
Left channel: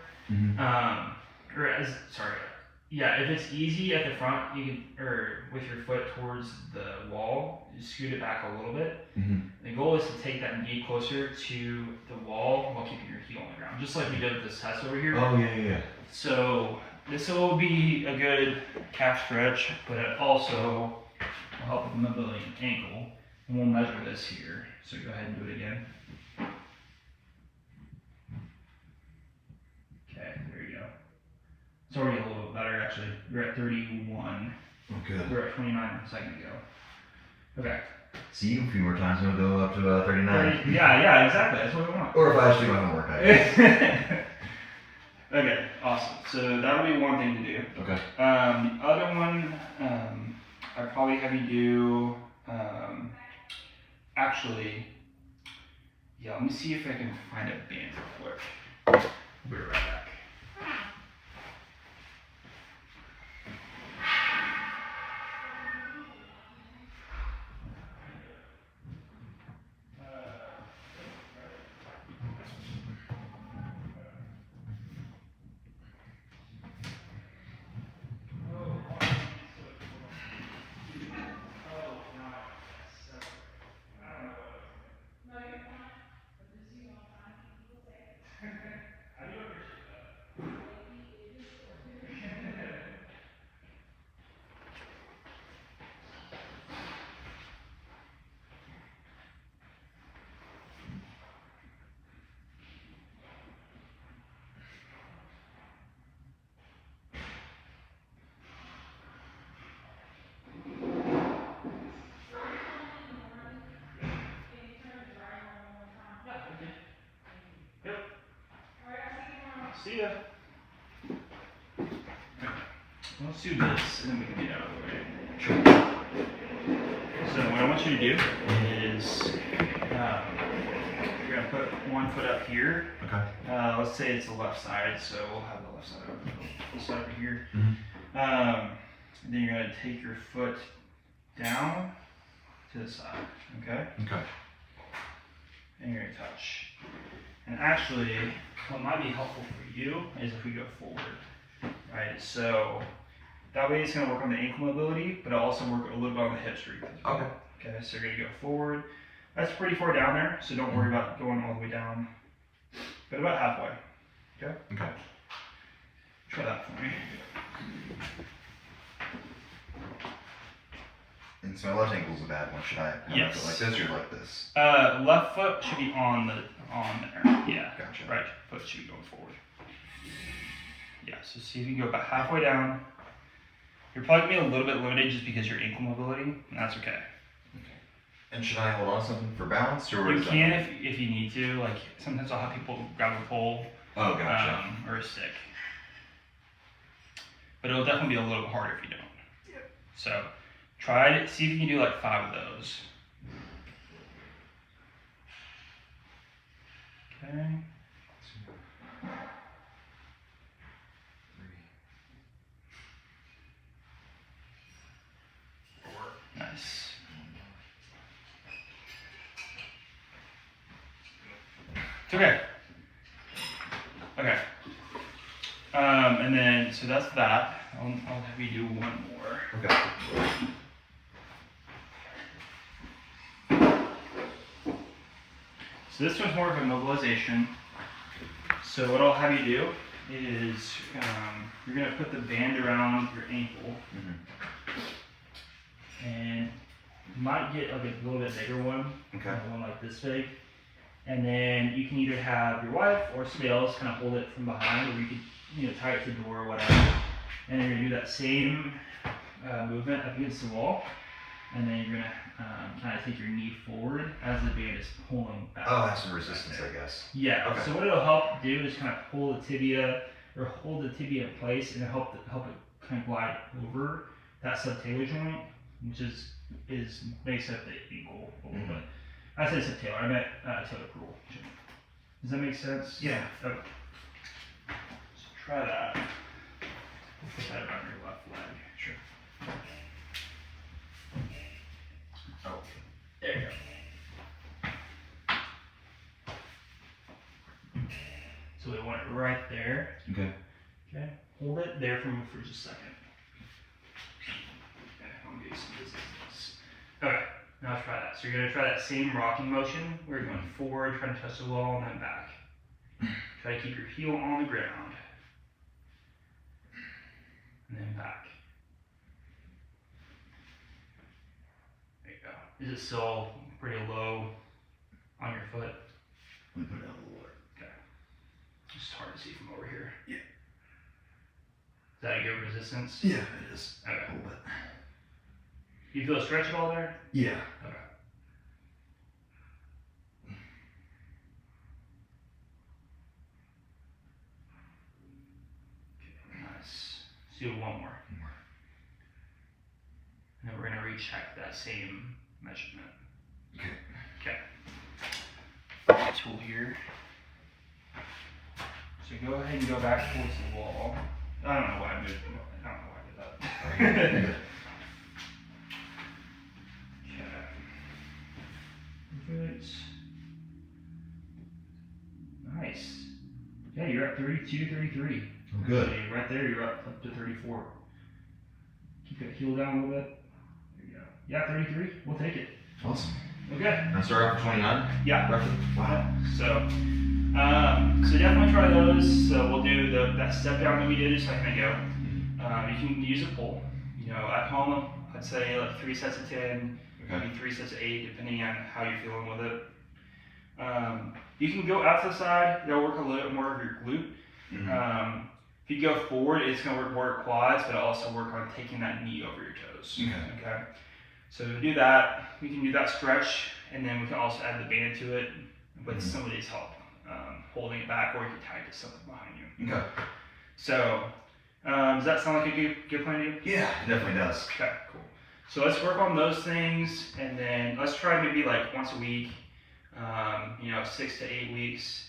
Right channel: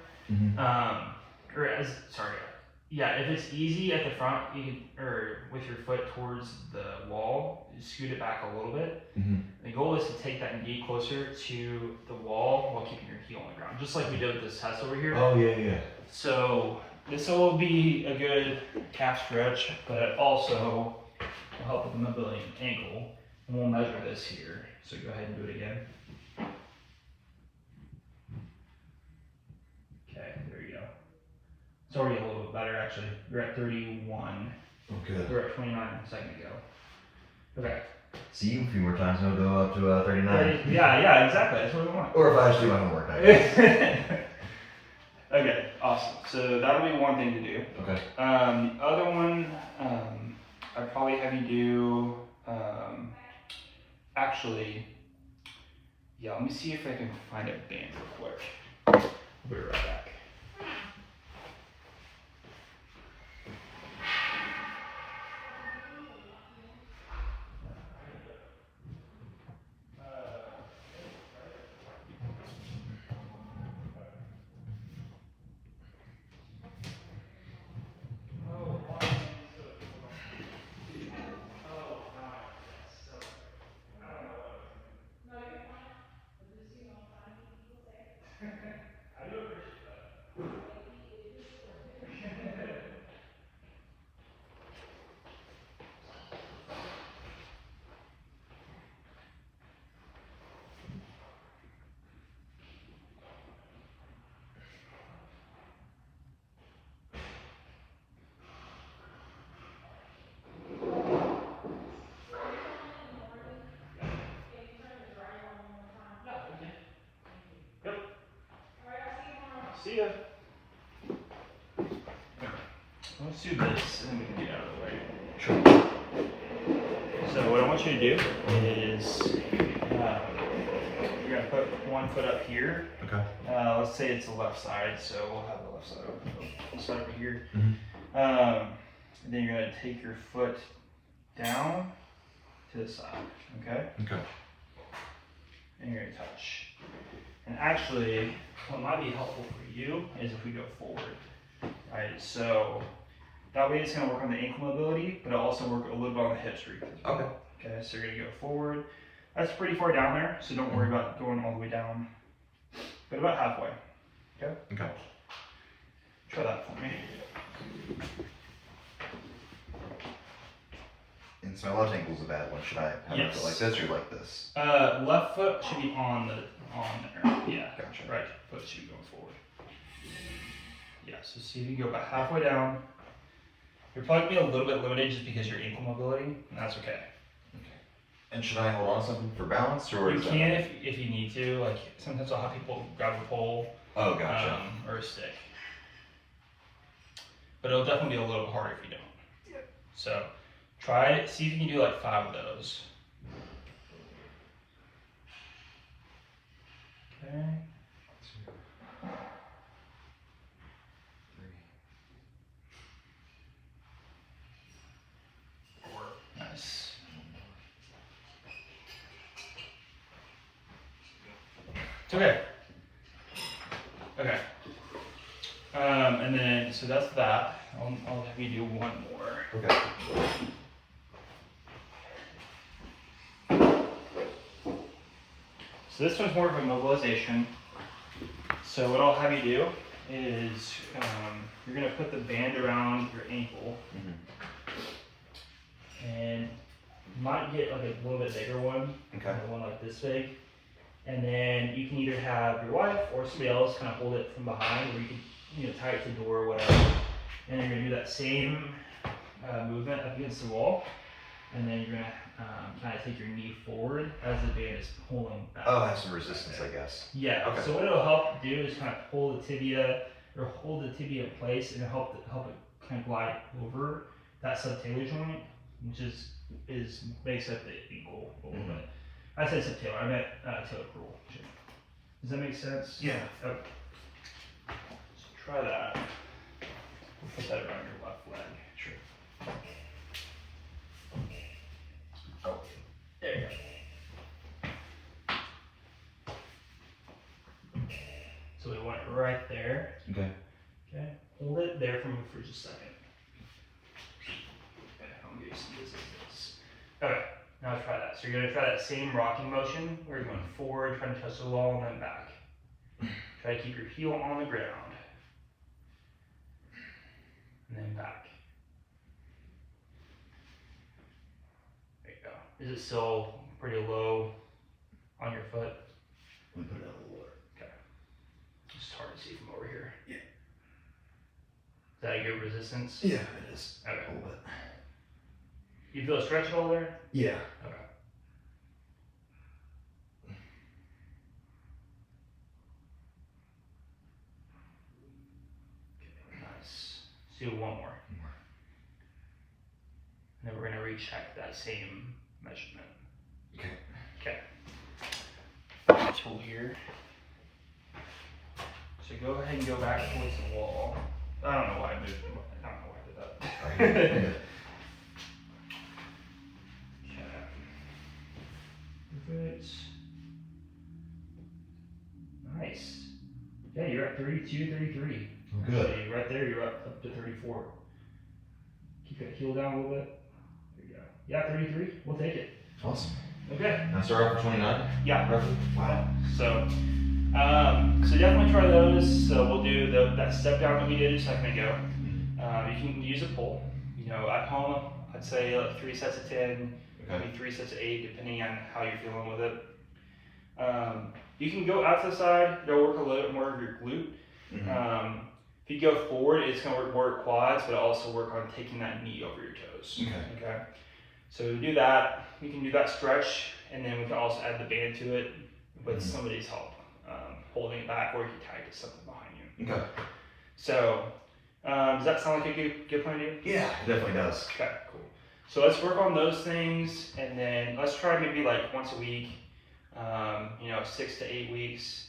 if it's easy at the front, you can, or with your foot towards the wall, you scoot it back a little bit. The goal is to take that knee closer to the wall while keeping your heel on the ground, just like we did with this test over here. Oh, yeah. So this will be a good calf stretch, but it also will help with the mobility of the ankle. And we'll measure this here. So go ahead and do it again. Okay, there you go. It's already a little bit better actually. You're at 31. Oh, good. We're at 29 a second ago. Okay. See, a few more times and we'll go up to 39. Yeah, exactly. That's what we want. Or if I should do my homework, I guess. Okay, awesome. So that would be one thing to do. Okay. The other one, I'd probably have you do, let me see if I can find a band real quick. I'll be right back. See ya. Let's do this, and then we can get out of the way. Sure. So what I want you to do is, you're gonna put one foot up here. Okay. Let's say it's the left side, so we'll have the left side over this side over here. And then you're gonna take your foot down to the side, okay? Okay. And you're gonna touch. And actually, what might be helpful for you is if we go forward, right? So that way it's gonna work on the ankle mobility, but it'll also work a little bit on the hip strength as well. Okay. Okay, so you're gonna go forward. That's pretty far down there, so don't worry about going all the way down, but about halfway, okay? Okay. Try that for me. And so my left ankle's a bad one. Should I have Yes. my foot like this or like this? Left foot should be on there. Yeah. Gotcha. Right foot should be going forward. Yeah. So see if you can go about halfway down. You're probably gonna be a little bit limited just because your ankle mobility, and that's okay. And should I hold on to something for balance, or You is can that... if you need to. Like sometimes I'll have people grab a pole, Oh, gotcha. or a stick. But it'll definitely be a little harder if you don't. Yeah. So try it. See if you can do like 5 of those. Okay. 2, 3, 4. Nice. It's okay. Okay. And then, so that's that. I'll have you do one more. Okay. So this one's more of a mobilization. So what I'll have you do is you're gonna put the band around your ankle, and you might get like a little bit bigger one, one like this big, and then you can either have your wife or somebody else kind of hold it from behind, or you could tie it to the door or whatever. And then you're gonna do that same movement up against the wall, and then you're gonna kind of take your knee forward as the band is pulling back. Oh, have some resistance, I guess. Yeah. Okay. So what it'll help do is kind of pull the tibia or hold the tibia in place, and help it kind of glide over that subtalar joint, which makes up the ankle a little bit. I said subtalar, I meant talocrural joint. Does that make sense? Yeah. Okay. So try that. We'll put that around your left leg. Sure. Oh, there you go. So we want it right there. Okay. Okay. Hold it there for just a second. Okay, I'm gonna do some resistance. Okay, now let's try that. So you're gonna try that same rocking motion where you're going forward, trying to touch the wall, and then back. Try to keep your heel on the ground. And then back. There you go. Is it still pretty low on your foot? Let me put it a little lower. Okay. It's hard to see from over here. Yeah. Is that a good resistance? Yeah, it is. Okay. A little bit. Do you feel a stretch at all there? Yeah. Okay. Nice. Let's do one more. And then we're going to recheck that same measurement. Okay. Tool here. So go ahead and go back towards the wall. I don't know why I moved. I don't know why I did that. Okay. Perfect. Nice. Yeah, you're at 32, 33. Good. Actually, right there, you're up to 34. Keep that heel down a little bit. There you go. Yeah, 33. We'll take it. Awesome. Okay. And start off for 29? Yeah. Roughly? Wow. So definitely try those. So we'll do that step down that we did a second ago. You can use a pull. At home, I'd say like 3 sets of 10, maybe 3 sets of 8, depending on how you're feeling with it. You can go out to the side. That'll work a little bit more of your glute. If you go forward, it's going to work more your quads, but also work on taking that knee over your toes. Okay. So to do that, we can do that stretch, and then we can also add the band to it with somebody's help, holding it back, or you can tie it to something behind you. Okay. So, does that sound like a good plan to you? Yeah, it definitely does. Okay, cool. So let's work on those things, and then let's try maybe like once a week, 6 to 8 weeks.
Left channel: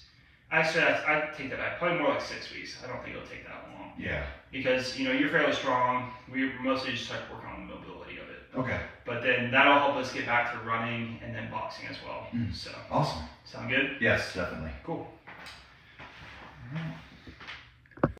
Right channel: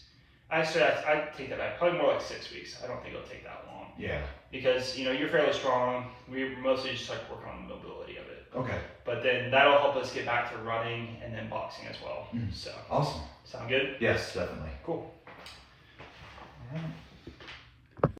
Actually, I'd take that back. Probably more like 6 weeks. I don't think it'll take that long. Yeah. Because, you're fairly strong. We're mostly just like working on the mobility of it. Okay. But then that'll help us get back to running and then boxing as well. So, Awesome. sound good? Yes, definitely. Cool. All right.